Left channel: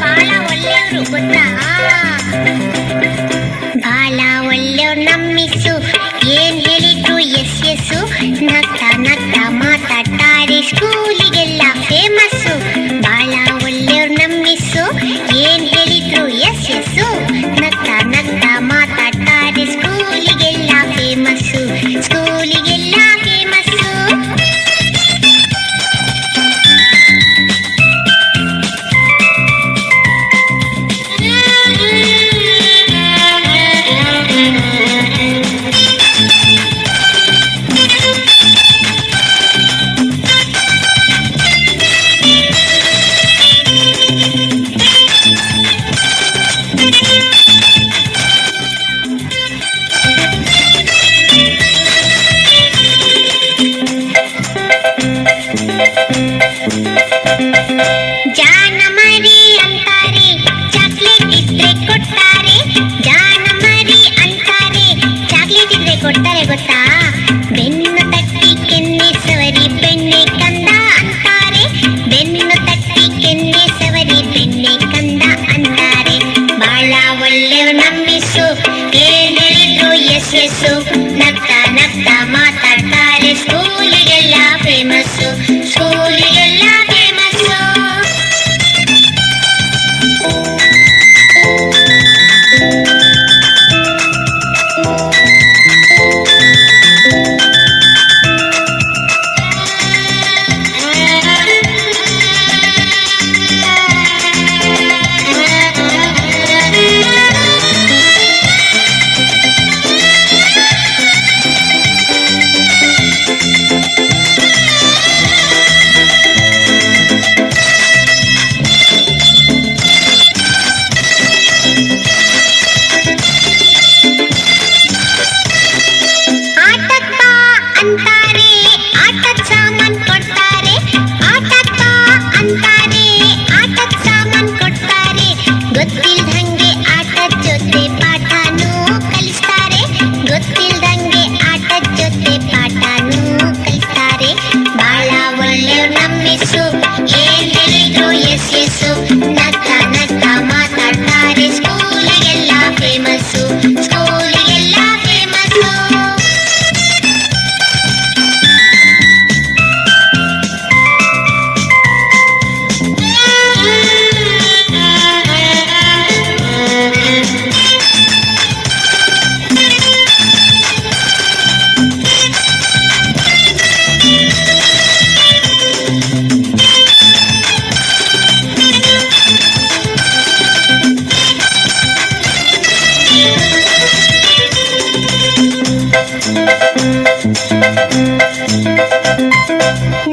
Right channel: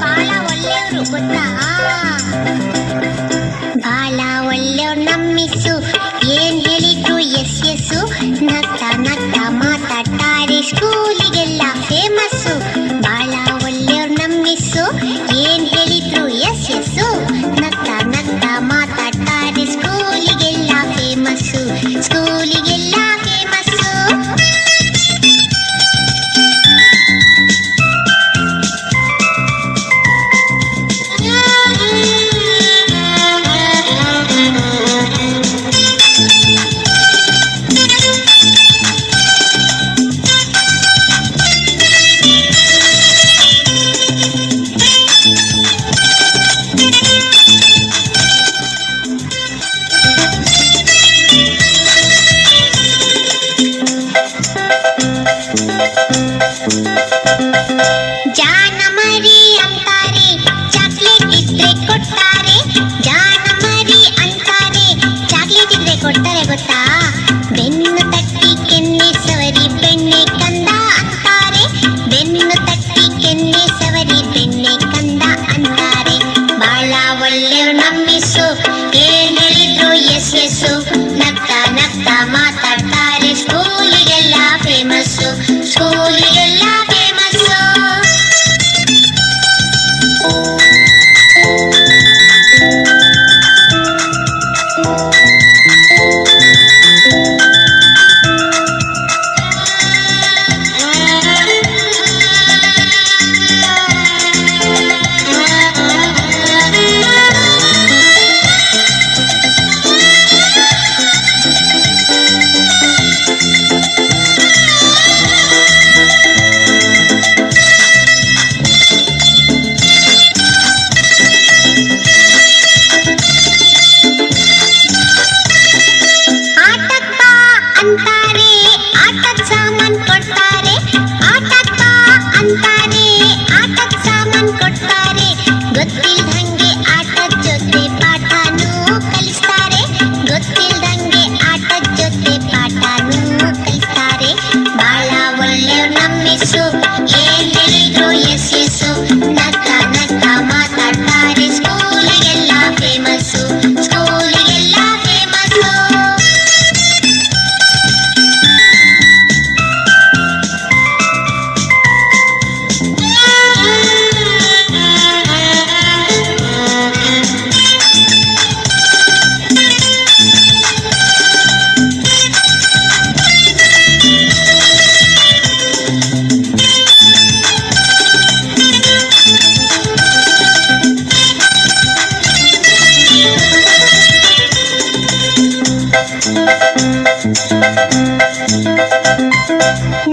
ಬಾಳ ಒಳ್ಳೆಯವರು ಗೊತ್ತಾ? ಬಾಳ ಒಳ್ಳೆಯವ್ರು ನಮ್ಮಿಸು, ಏನ್ ಹೇಳಿದ್ರು ಎಸ್ ಎಸ್ಸು, ನಗ್ತಾ ನಗ್ತಾ ಮಾತಾಡ್ತಾರೆ, ಸ್ಕೂಲಿಗೆಲ್ಲ ಫೇಮಸ್ಸು. ಬಾಳ ಒಳ್ಳೆಯವ್ರು ನಮ್ಮಿಸು, ಏನ್ ಹೇಳಿದ್ರು ಎಸ್ ಎಸ್ಸು, ನಗ್ತಾ ನಗ್ತಾ ಮಾತಾಡ್ತಾರೆ, ಸ್ಕೂಲಿಗೆಲ್ಲ ಫೇಮಸ್ಸು, ಸ್ಕೂಲಿಗೆಲ್ಲ ಫೇಮಸ್ಸು. ಜಾನ ಮರಿ ಅಂತಾರೆ, ಚಾಕ್ಲೇಟ್ ಇದ್ರೆ ಕೊಡ್ತಾರೆ, ಜಾನ ಮರಿ ಅಂತಾರೆ, ಚಾಕ್ಲೇಟ್ ಇದ್ರೆ ಕೊಡ್ತಾರೆ ಗೊತ್ತಾ? ಬೆನ್ನು ತಟ್ಟಿ ಕೆನ್ನೆ ಸವರಿ ಬೆಣ್ಣೆ ಕಂದ ಅಂತಾರೆ, ಬೆನ್ನು ತಟ್ಟಿ ಕೆನ್ನೆ ಸವರಿ ಬೆಣ್ಣೆ ಕಂದ ಅಂತಾರೆ. ಬಾಳ ಒಳ್ಳೆಯವ್ರು ನಮ್ಮಿಸು, ಏನ್ ಹೇಳಿದ್ರು ಎಸ್ ಎಸ್ಸು, ನಗ್ತಾ ನಗ್ತಾ ಮಾತಾಡ್ತಾರೆ, ಸ್ಕೂಲಿಗೆಲ್ಲ ಫೇಮಸ್ಸು, ಸ್ಕೂಲಿಗೆಲ್ಲ ಫೇಮಸ್ಸು. ಅಂತಾರೆ, ಆಟದ ಸಾಮಾನ್ ಕೊಡ್ತಾರೆ, ಆಟಕ್ಕ ಅಂತಾರೆ, ಆಟದ ಸಾಮಾನ್ ಕೊಡ್ತಾರೆ, ಗೊತ್ತಿಲ್ದಂಗೆ ಆಟದ ಜೊತೆ ಪಾಠನೂ ಕಲಿಸ್ತಾರೆ, ಗೊತ್ತಿಲ್ದಂಗೆ ಆಟದ ಜೊತೆ ಪಾಠನೂ ಕಲಿಸ್ತಾರೆ. ಬಾಳ ಒಳ್ಳೆಯವ್ರು ನಮ್ಮಿಸು, ಏನ್ ಹೇಳಿದ್ರು ಎಸ್ ಎಸ್ಸು, ನಗ್ತಾ ನಗ್ತಾ ಮಾತಾಡ್ತಾರೆ, ಸ್ಕೂಲಿಗೆಲ್ಲ ಫೇಮಸ್ಸು, ಸ್ಕೂಲಿಗೆಲ್ಲ ಫೇಮಸ್ಸು.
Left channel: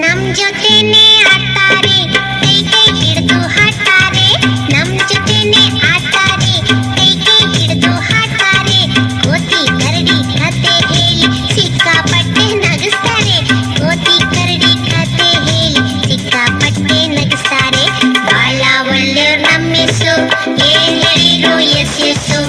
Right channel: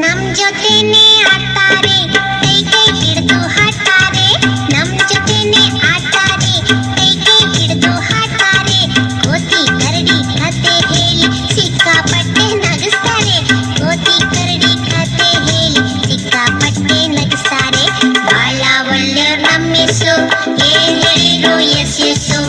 ನಮ್ ಜೊತೆನೆ ಆಡ್ತಾರೆ, ಕೈ ಕೈ ಹಿಡಿದು ಹಾಡ್ತಾರೆ, ನಮ್ ಜೊತೆನೆ ಆಡ್ತಾರೆ, ಕೈ ಕೈ ಹಿಡಿದು ಹಾಡ್ತಾರೆ, ಕೋತಿ ಕರಡಿ ಕತೆ ಹೇಳಿ ಸಿಕ್ಕಾಪಟ್ಟೆ ನಗಿಸ್ತಾರೆ, ಕೋತಿ ಕರಡಿ ಕತೆ ಹೇಳಿ ಸಿಕ್ಕಾಪಟ್ಟೆ ನಗಿಸ್ತಾರೆ. ಬಾಳ ಒಳ್ಳೆಯವ್ರು ನಮ್ಮಿಸು, ಏನ್ ಹೇಳಿದ್ರು ಎಸ್ ಎಸ್ಸು,